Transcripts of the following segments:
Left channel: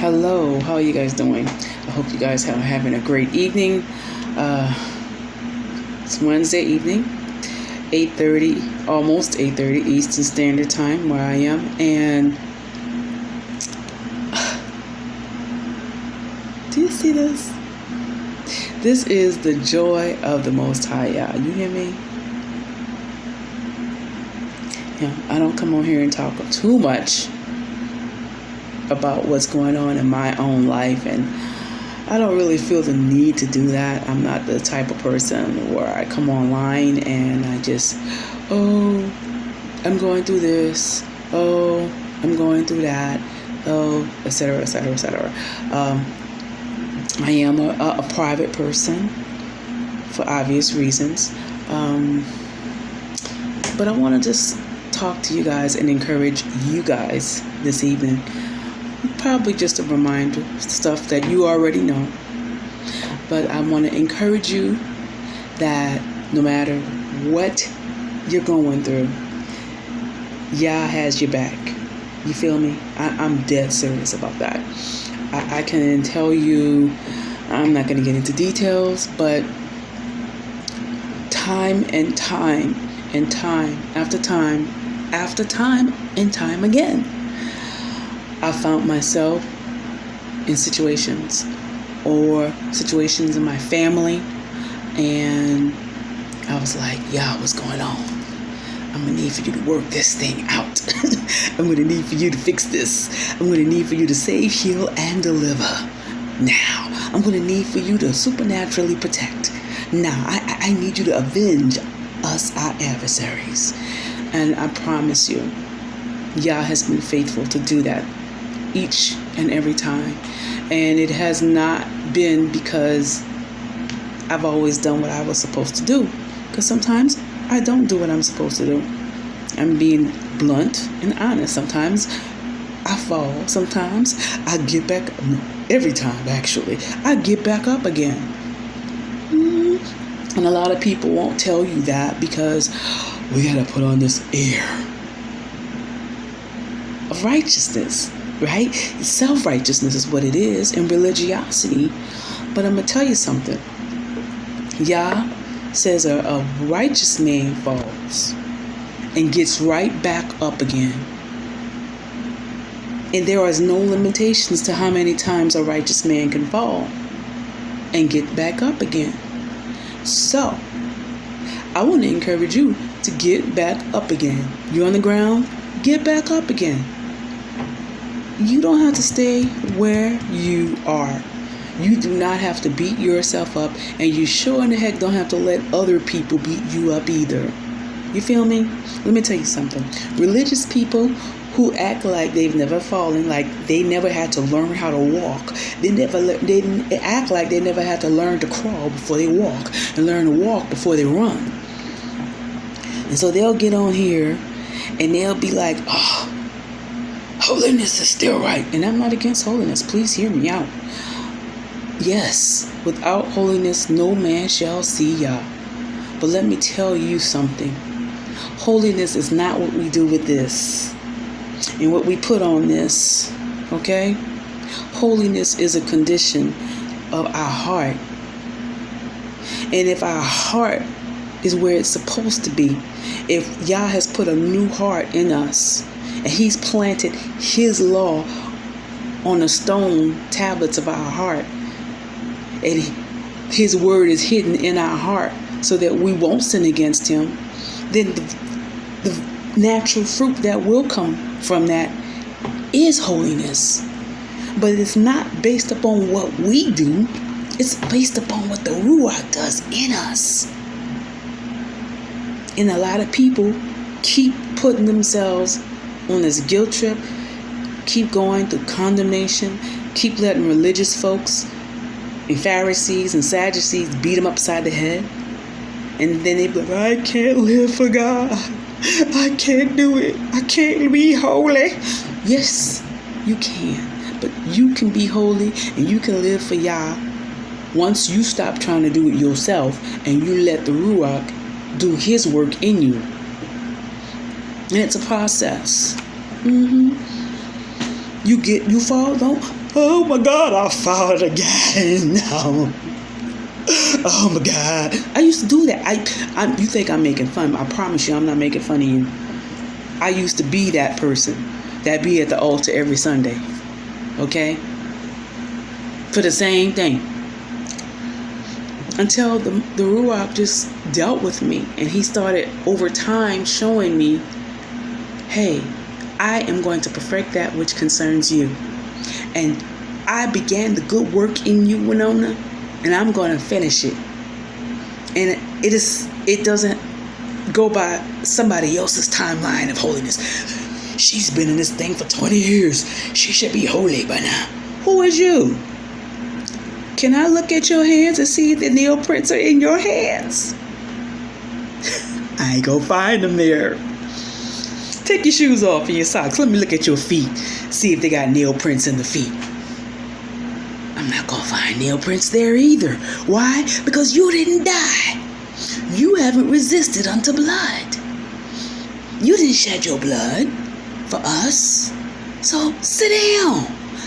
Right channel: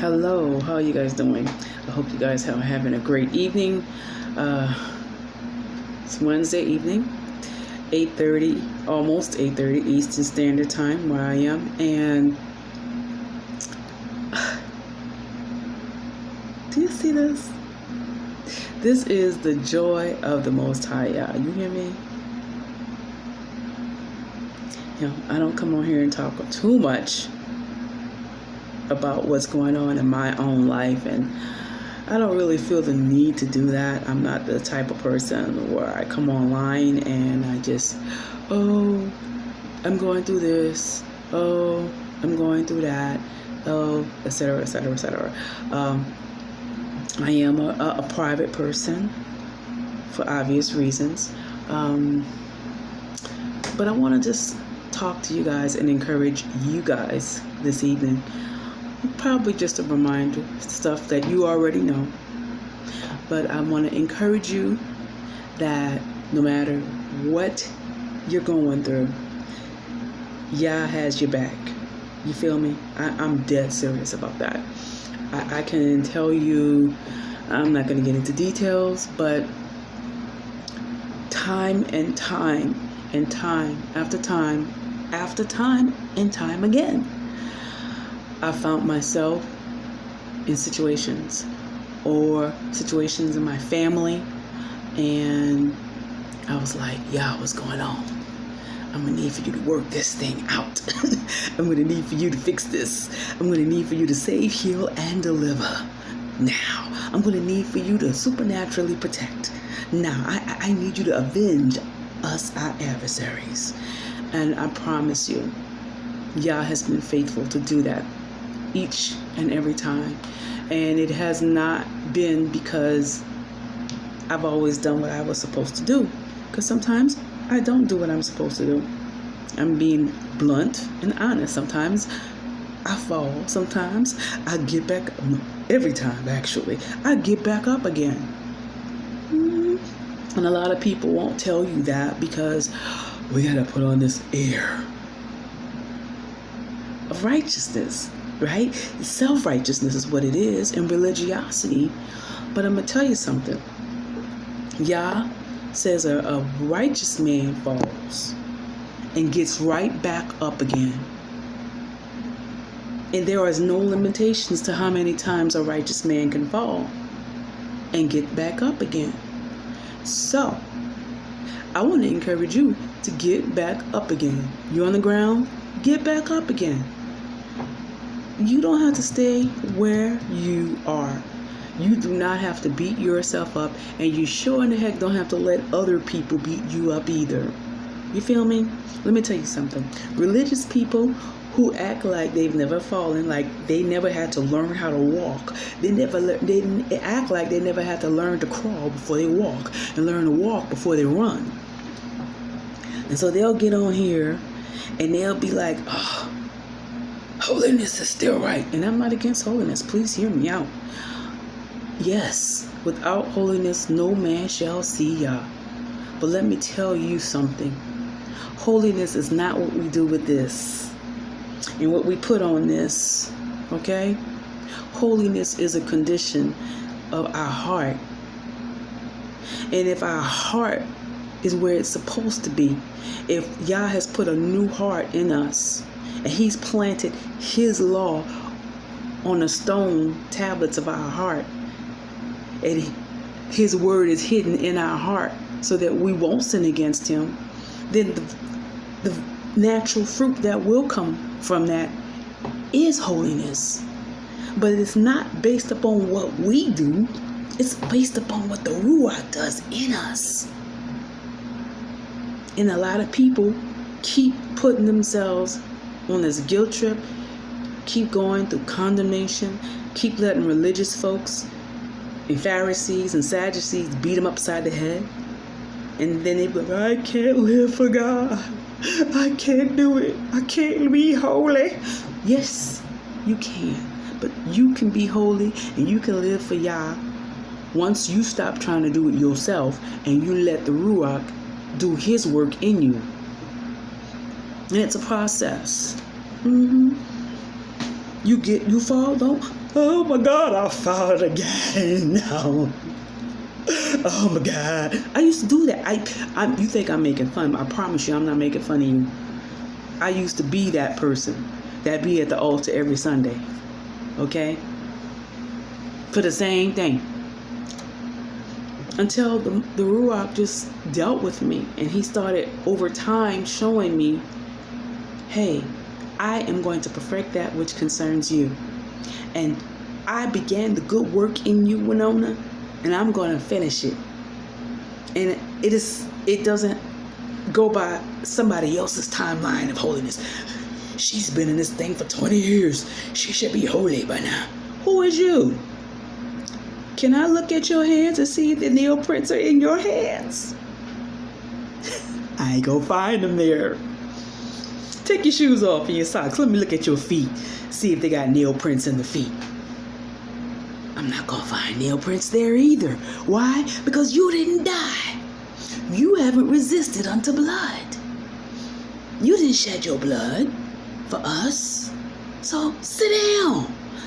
Hello, how are you guys doing? I hope you guys are having a great evening. It's Wednesday evening, 8:30, almost 8:30 Eastern Standard Time where I am. And do you see this? This is the joy of the Most High, y'all. You hear me? Yeah, I don't come on here and talk too much about what's going on in my own life, and I don't really feel the need to do that. I'm not the type of person where I come online and I just, oh, I'm going through this, oh, I'm going through that, oh, etc., etc., etc. I am a private person for obvious reasons, but I want to just talk to you guys and encourage you guys this evening. Probably just a reminder, stuff that you already know. But I want to encourage you that no matter what you're going through, Yah has your back. You feel me? I'm dead serious about that. I can tell you, I'm not going to get into details, but time and time and time after time after time and time again, I found myself in situations in my family, and I was like, yeah, what's going on? I'm going to need for you to work this thing out. I'm going to need for you to fix this. I'm going to need for you to save, heal, and deliver. Now, I'm going to need for you to supernaturally protect. Now, I need you to avenge us, our adversaries. And I promise you, Yah has been faithful to do that each and every time. And it has not been because I've always done what I was supposed to do. Because sometimes I don't do what I'm supposed to do. I'm being blunt and honest. Sometimes I fall. Sometimes I get back. Every time, actually, I get back up again. And a lot of people won't tell you that because we got to put on this air of righteousness. Right? Self-righteousness is what it is, and religiosity. But I'm going to tell you something. Yah says a righteous man falls and gets right back up again. And there is no limitations to how many times a righteous man can fall and get back up again. So, I want to encourage you to get back up again. You're on the ground, get back up again. You don't have to stay where you are. You do not have to beat yourself up, and you sure in the heck don't have to let other people beat you up either. You feel me? Let me tell you something. Religious people who act like they've never fallen, like they never had to learn how to walk. They act like they never had to learn to crawl before they walk, and learn to walk before they run. And so they'll get on here, and they'll be like, oh, holiness is still right. And I'm not against holiness. Please hear me out. Yes, without holiness, no man shall see Yah. But let me tell you something. Holiness is not what we do with this and what we put on this. Okay? Holiness is a condition of our heart. And if our heart is where it's supposed to be, if Yah has put a new heart in us, and He's planted His law on the stone tablets of our heart, and His word is hidden in our heart so that we won't sin against Him, then the natural fruit that will come from that is holiness. But it's not based upon what we do. It's based upon what the Ruach does in us. And a lot of people keep putting themselves on this guilt trip, keep going through condemnation, keep letting religious folks and Pharisees and Sadducees beat them upside the head. And then they be like, I can't live for God. I can't do it. I can't be holy. Yes, you can. But you can be holy and you can live for Yah once you stop trying to do it yourself and you let the Ruach do His work in you. And it's a process. You fall, don't oh my God, I fought again. No. Oh my God. I used to do that. You think I'm making fun? I promise you I'm not making fun of you. I used to be that person that be at the altar every Sunday. Okay? For the same thing. Until the Ruach just dealt with me, and he started over time showing me, hey, I am going to perfect that which concerns you. And I began the good work in you, Winona, and I'm going to finish it. And it doesn't go by somebody else's timeline of holiness. She's been in this thing for 20 years. She should be holy by now. Who is you? Can I look at your hands and see if the nail prints are in your hands? I ain't gonna find them there. Take your shoes off and your socks. Let me look at your feet. See if they got nail prints in the feet. I'm not gonna find nail prints there either. Why? Because you didn't die. You haven't resisted unto blood. You didn't shed your blood for us. So sit down.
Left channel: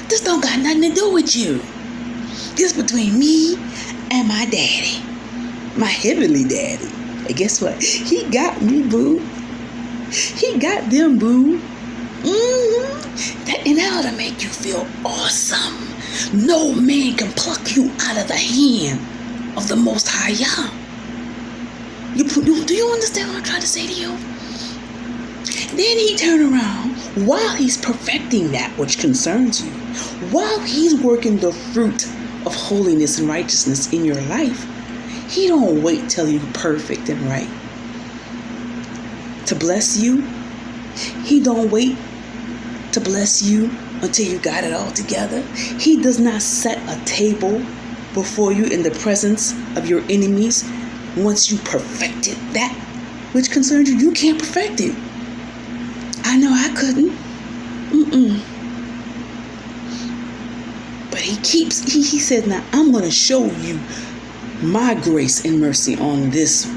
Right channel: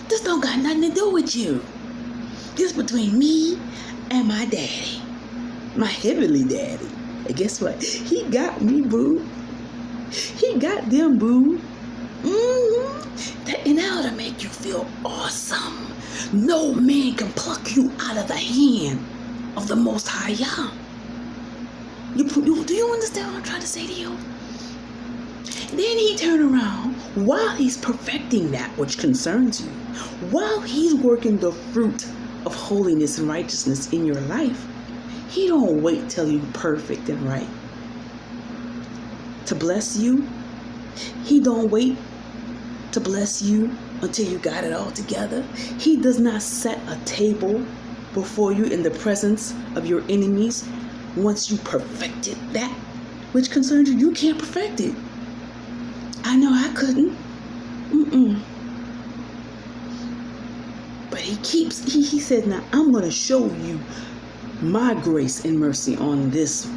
This don't got nothing to do with you. This between me and my daddy. My heavenly daddy. And guess what? He got me, boo. He got them, boo. And that ought to make you feel awesome. No man can pluck you out of the hand of the Most High Yah. Do you understand what I'm trying to say to you? Then he turned around while he's perfecting that which concerns you, while he's working the fruit of holiness and righteousness in your life. He don't wait till you're perfect and right to bless you. He don't wait to bless you until you got it all together. He does not set a table before you in the presence of your enemies. Once you perfected that which concerns you, you can't perfect it. I know I couldn't. But he said, now I'm going to show you my grace and mercy on this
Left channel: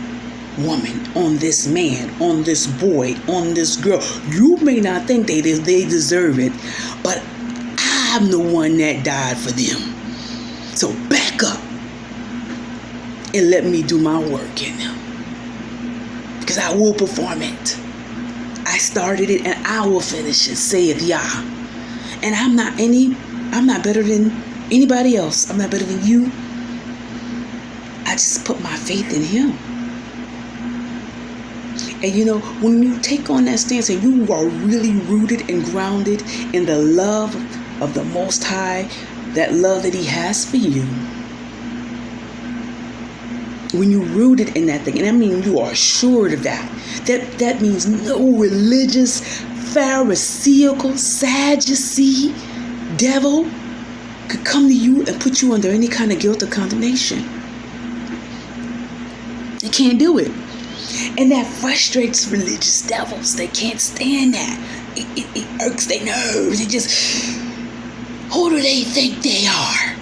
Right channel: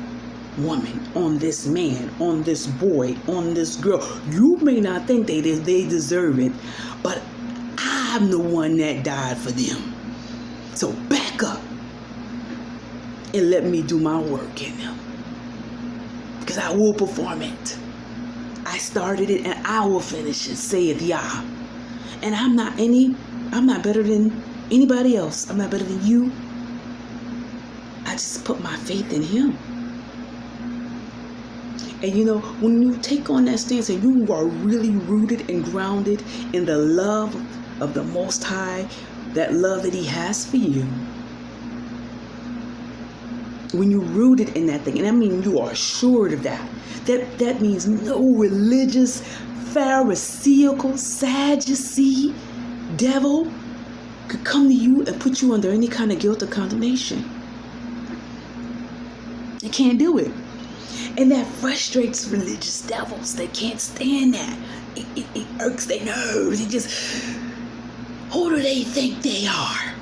woman, on this man, on this boy, on this girl. You may not think they deserve it, but I'm the one that died for them. So back up and let me do my work in them, because I will perform it. I started it and I will finish it, saith Yah. And I'm not better than anybody else. I'm not better than you. I just put my faith in him. And you know, when you take on that stance and you are really rooted and grounded in the love of the Most High, that love that he has for you, when you're rooted in that thing, and I mean you are assured of that means no religious, pharisaical, Sadducee devil could come to you and put you under any kind of guilt or condemnation. They can't do it. And that frustrates religious devils. They can't stand that. It irks their nerves. It just, who do they think they are?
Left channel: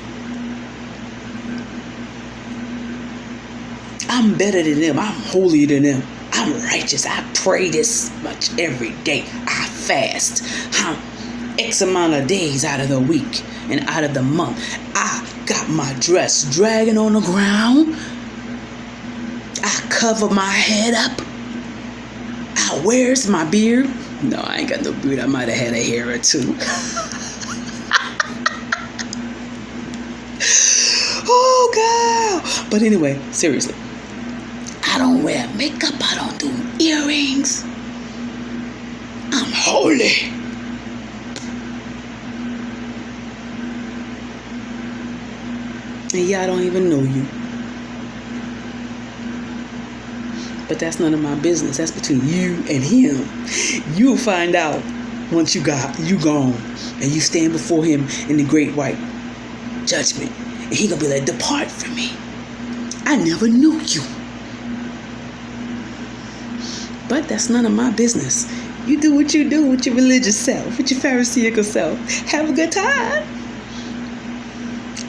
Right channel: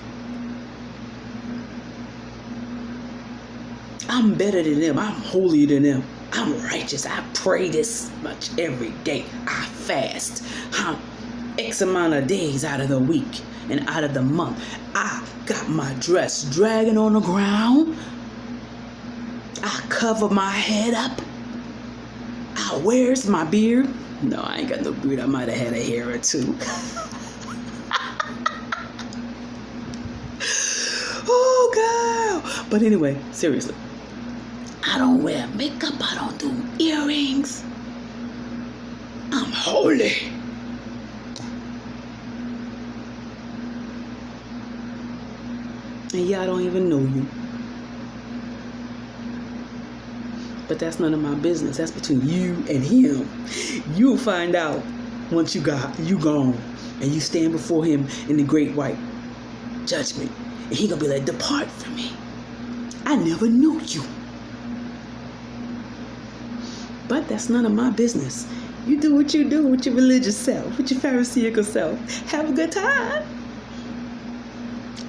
I'm better than them. I'm holier than them. I'm righteous. I pray this much every day. I fast. I'm X amount of days out of the week and out of the month. I got my dress dragging on the ground. I cover my head up. Where's my beard? No, I ain't got no beard. I might have had a hair or two. Oh, God. But anyway, seriously. I don't wear makeup. I don't do earrings. I'm holy. And yeah, I don't even know you. But that's none of my business. That's between you and him. You'll find out once you gone and you stand before him in the great white judgment. And he gonna be like, depart from me. I never knew you. But that's none of my business. You do what you do with your religious self, with your pharisaical self. Have a good time.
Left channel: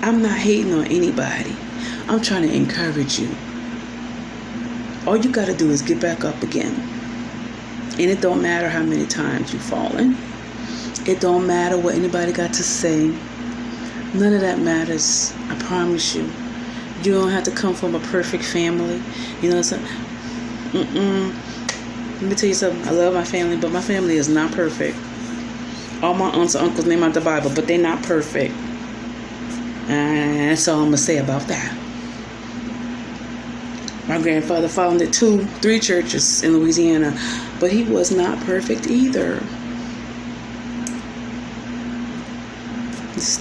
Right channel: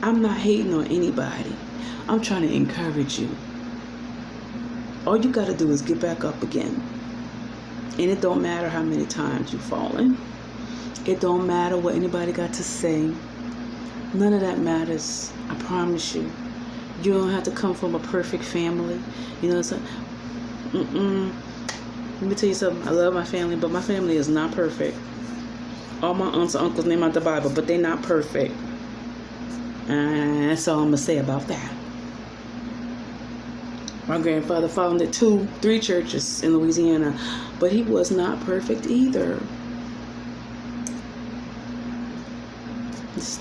I'm not hating on anybody. I'm trying to encourage you. All you got to do is get back up again. And it don't matter how many times you've fallen. It don't matter what anybody got to say. None of that matters. I promise you. You don't have to come from a perfect family. You know, so, let me tell you something. I love my family, but my family is not perfect. All my aunts and uncles name out the Bible, but they're not perfect. And that's all I'm going to say about that. My grandfather founded 3 churches in Louisiana, but he was not perfect either.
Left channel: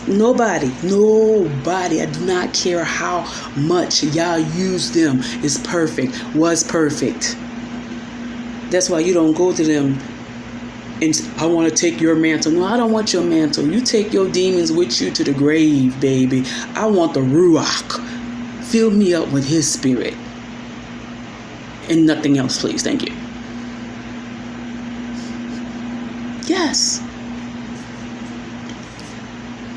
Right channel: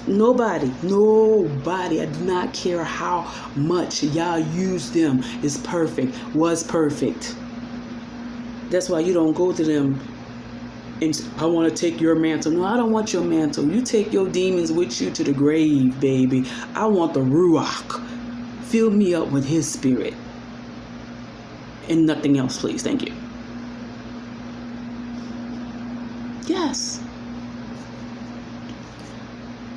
Nobody, I do not care how much y'all use them, is perfect, was perfect. That's why you don't go to them and I want to take your mantle. No, I don't want your mantle. You take your demons with you to the grave, baby. I want the Ruach. Fill me up with his spirit. And nothing else, please. Thank you. Yes.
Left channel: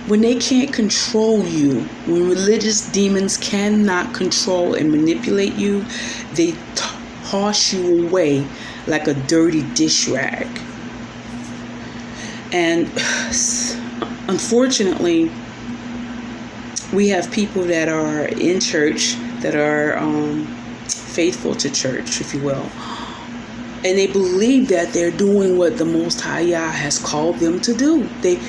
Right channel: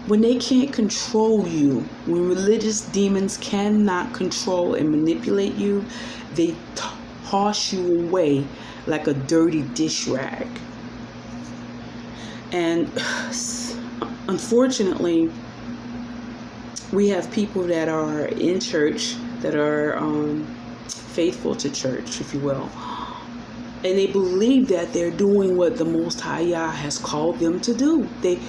When they can't control you, when religious demons cannot control and manipulate you, they toss you away like a dirty dish rag. And unfortunately, we have people that are in church that are faithful to church, if you will. And they believe that they're doing what the Most High Yah has called them to do. They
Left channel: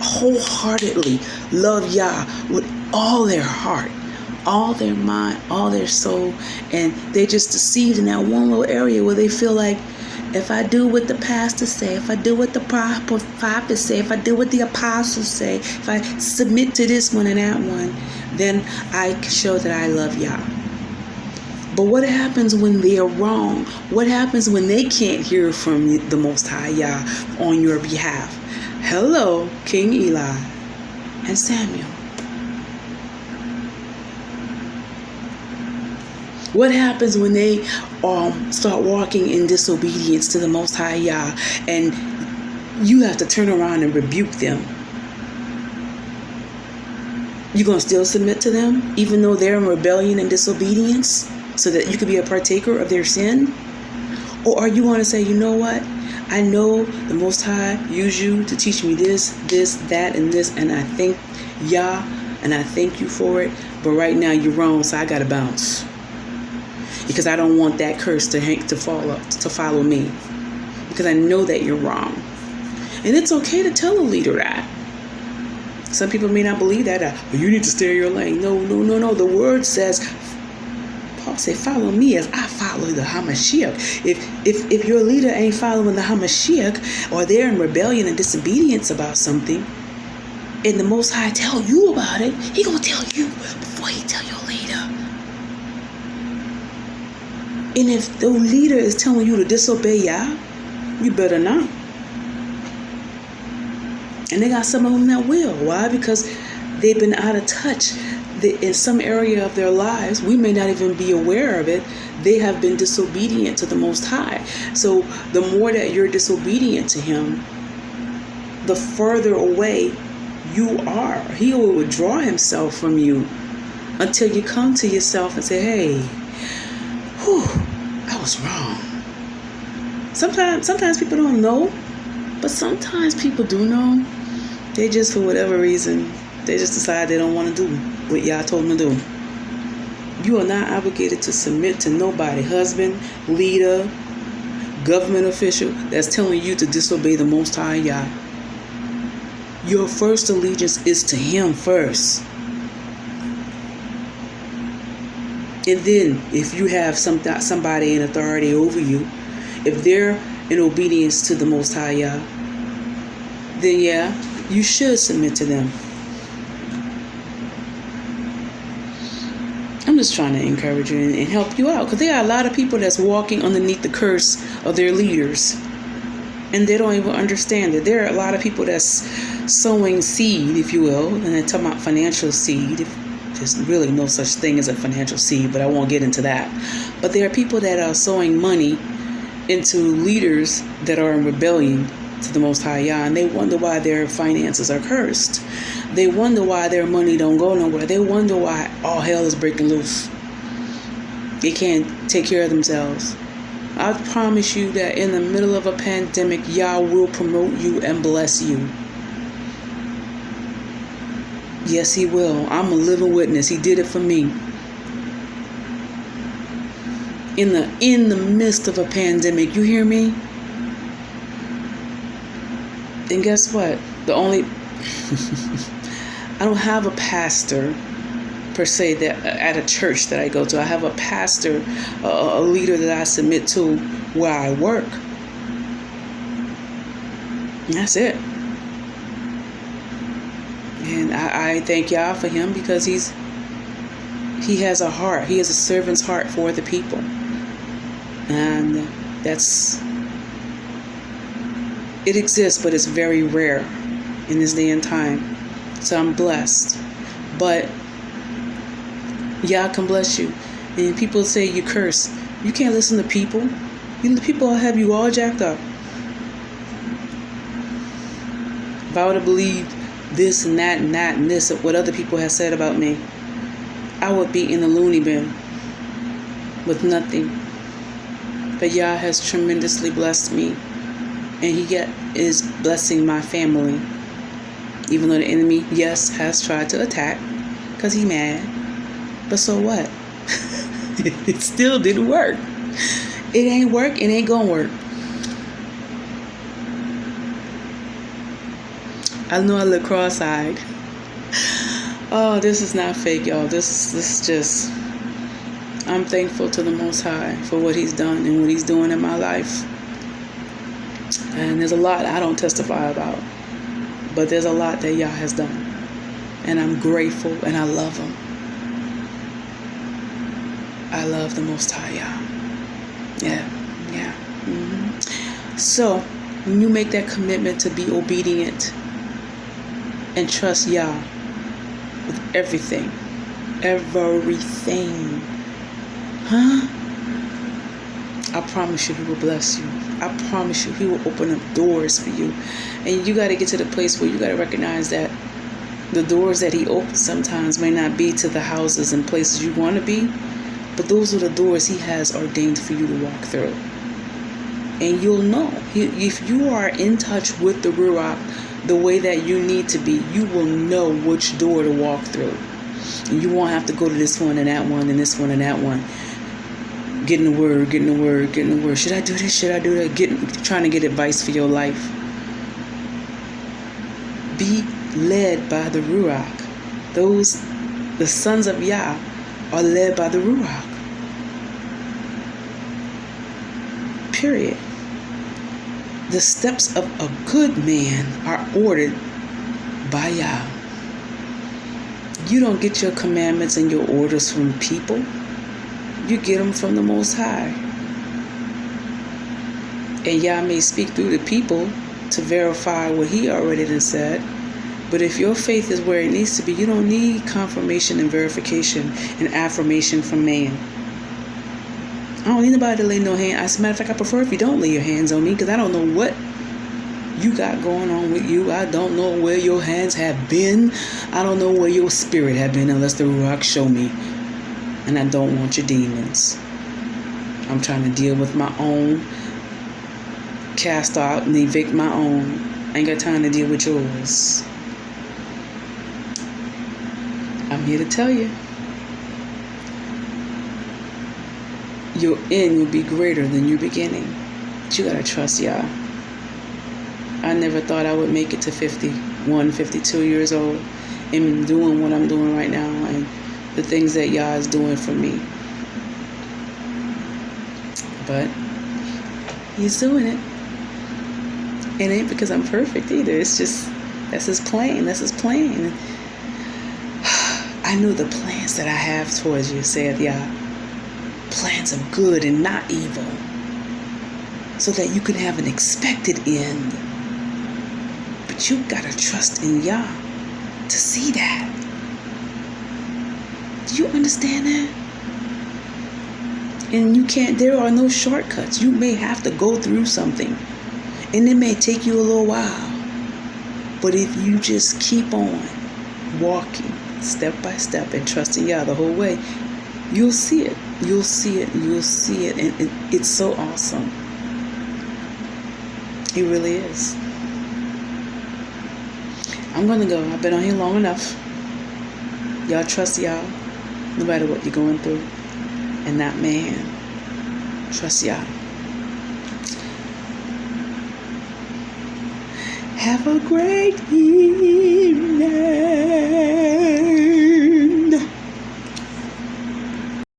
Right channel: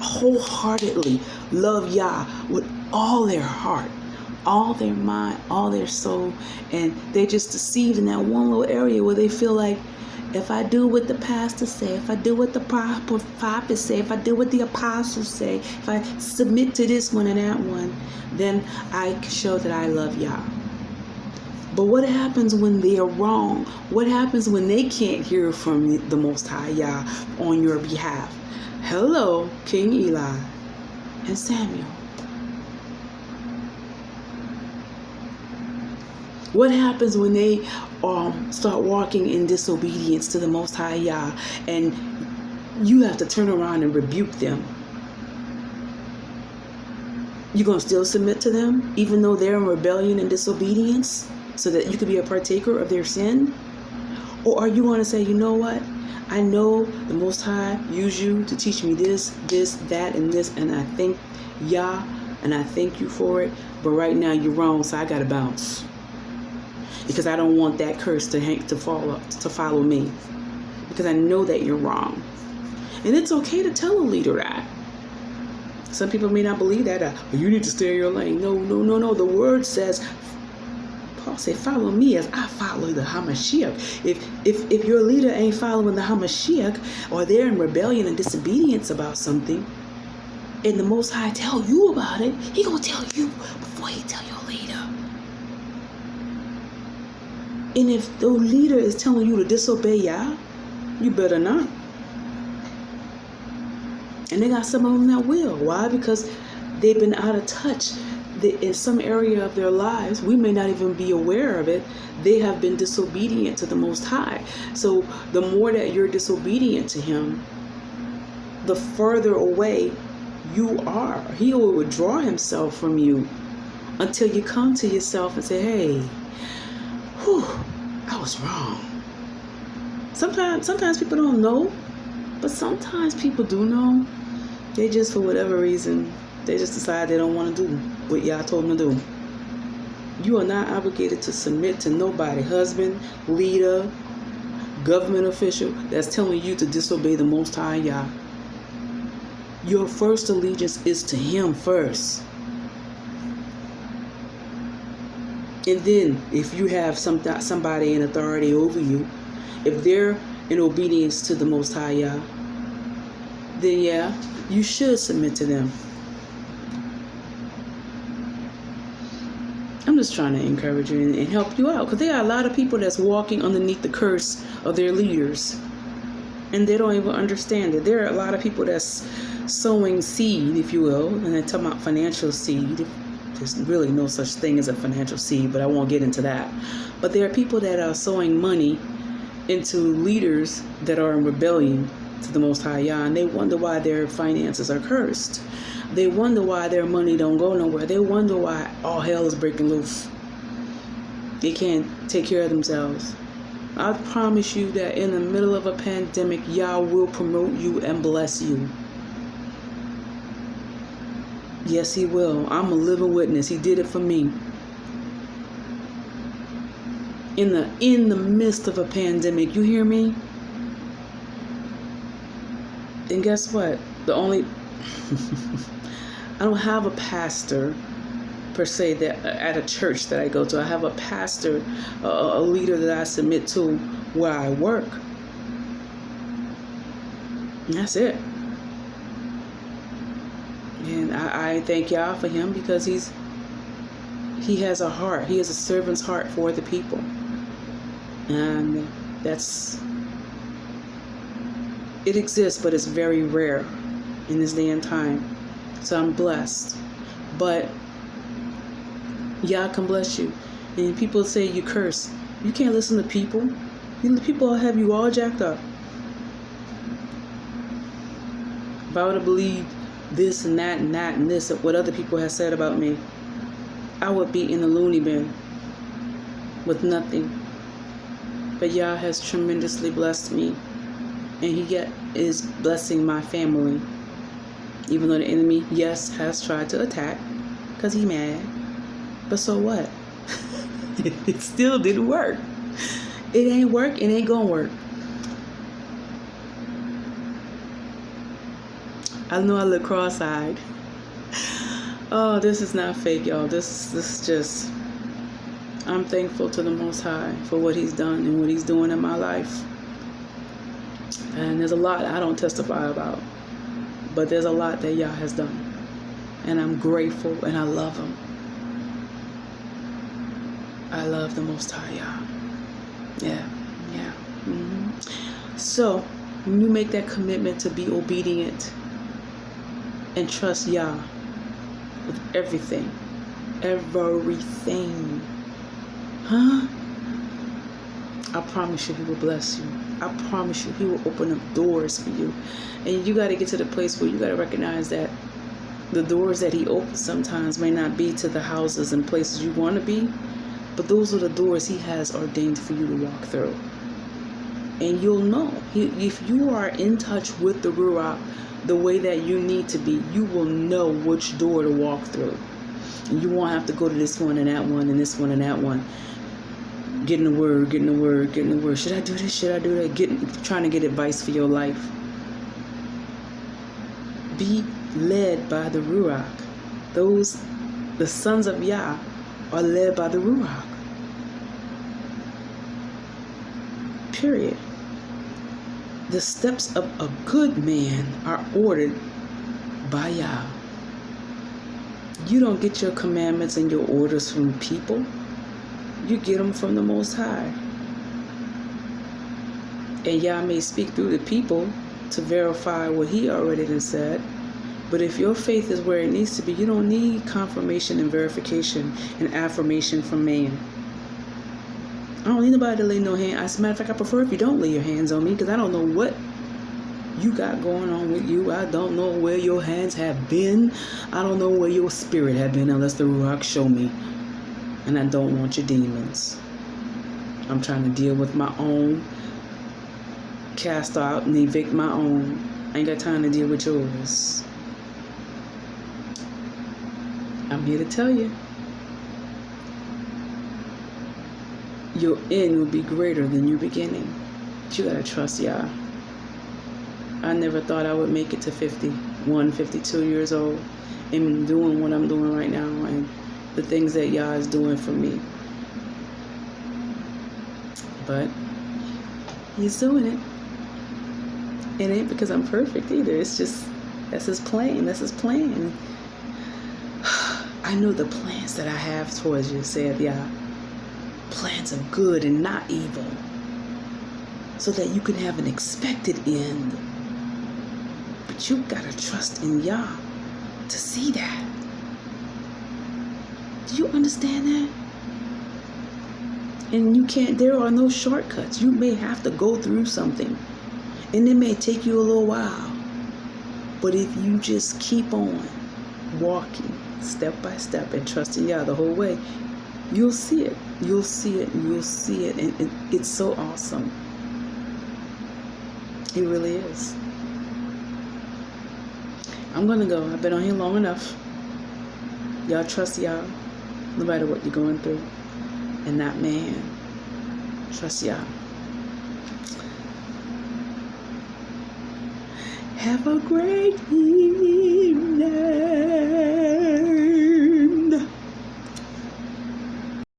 wholeheartedly love Yah with all their heart, all their mind, all their soul, and they just deceived in that one little area where they feel like, if I do what the pastor say, if I do what the prophet say, if I do what the apostles say, if I submit to this one and that one, then I can show that I love Yah. But what happens when they are wrong? What happens when they can't hear from the Most High Yah on your behalf? Hello, King Eli and Samuel. What happens when they start walking in disobedience to the Most High Yah and you have to turn around and rebuke them? You going to still submit to them even though they're in rebellion and disobedience so that you could be a partaker of their sin? Or are you going to say, you know what? I know the Most High used you to teach me this, that, and this, and I thank Yah and I thank you for it, but right now you're wrong, so I got to bounce. Because I don't want that curse to follow me. Because I know that you're wrong. And it's okay to tell a leader that. Some people may not believe that. You need to stay in your lane. No. The word says, Paul said, follow me as I follow the Hamashiach. If your leader ain't following the Hamashiach, or they're in rebellion and disobedience about something, and the Most High tell you about it, he gonna tell you before he tell your leader. And if the leader is telling you to disobey Yah, you better not. And they got some of them that will. Why? Because they've been out of touch. In some area of their lives, we may not even be aware of it, they have been disobedient to the Most High. So the more that you're disobedient to Him, the further away you are. He will withdraw Himself from you until you come to yourself and say, hey, I was wrong. Sometimes people don't know, but sometimes people do know. They just, for whatever reason, they just decide they don't want to do what Yah told them to do. You are not obligated to submit to nobody, husband, leader, government official, that's telling you to disobey the Most High Yah. Your first allegiance is to Him first. And then, if you have somebody in authority over you, if they're in obedience to the Most High Yah, then yeah, you should submit to them. I'm just trying to encourage you and help you out, because there are a lot of people that's walking underneath the curse of their leaders, and they don't even understand it. There are a lot of people that's sowing seed, if you will, and they're talking about financial seed. There's really no such thing as a financial seed, but I won't get into that. But there are people that are sowing money into leaders that are in rebellion to the Most High Yah, and they wonder why their finances are cursed. They wonder why their money don't go nowhere. They wonder why all hell is breaking loose. They can't take care of themselves. I promise you that in the middle of a pandemic, Yah will promote you and bless you. Yes, He will. I'm a living witness. He did it for me. In the midst of a pandemic, you hear me? And guess what? I don't have a pastor per se that at a church that I go to. I have a pastor, a leader that I submit to where I work. And that's it. And I thank y'all for him because he has a heart. He has a servant's heart for the people. And it exists, but it's very rare in this day and time. So I'm blessed. But Yah can bless you. And people say you curse. You can't listen to people. People have you all jacked up. If I would have believed this and that and that and this, what other people have said about me, I would be in a loony bin with nothing. But Yah has tremendously blessed me. And He is blessing my family. Even though the enemy, yes, has tried to attack because he mad. But so what? It still didn't work. It ain't work. It ain't gonna work. I know I look cross-eyed. Oh, this is not fake, y'all. This is just... I'm thankful to the Most High for what He's done and what He's doing in my life. And there's a lot I don't testify about. But there's a lot that Yah has done. And I'm grateful and I love Him. I love the Most High Yah. Yeah. Mm-hmm. So, when you make that commitment to be obedient and trust Yah with everything. Huh? I promise you He will bless you. I promise you He will open up doors for you. And you got to get to the place where you got to recognize that the doors that He opens sometimes may not be to the houses and places you want to be, but those are the doors He has ordained for you to walk through. And you'll know. If you are in touch with the Ruach the way that you need to be, you will know which door to walk through. And you won't have to go to this one and that one and this one and that one. Getting the word. Should I do this? Should I do that? Trying to get advice for your life. Be led by the Ruach. The sons of Yah are led by the Ruach. Period. The steps of a good man are ordered by Yah. You don't get your commandments and your orders from people. You get them from the Most High. And Yah may speak through the people to verify what He already done said. But if your faith is where it needs to be, you don't need confirmation and verification and affirmation from man. I don't need nobody to lay no hand. As a matter of fact, I prefer if you don't lay your hands on me because I don't know what you got going on with you. I don't know where your hands have been. I don't know where your spirit have been unless the Ruach show me. And I don't want your demons. I'm trying to deal with my own, cast out and evict my own. I ain't got time to deal with yours. I'm here to tell you. Your end will be greater than your beginning. But you gotta trust Yah. I never thought I would make it to 51, 52 years old and doing what I'm doing right now and the things that Yah is doing for me. But He's doing it. It ain't because I'm perfect either. It's just, that's His plan. That's His plan. I know the plans that I have towards you, saith Yah. Plans of good and not evil. So that you can have an expected end. But you gotta trust in Yah to see that. Do you understand that? And there are no shortcuts. You may have to go through something. And it may take you a little while. But if you just keep on walking step by step and trusting Yah the whole way, you'll see it. You'll see it. You'll see it. And it's so awesome. It really is. I'm going to go. I've been on here long enough. Y'all trust y'all, no matter what you're going through. And that man, trust y'all. Have a great week.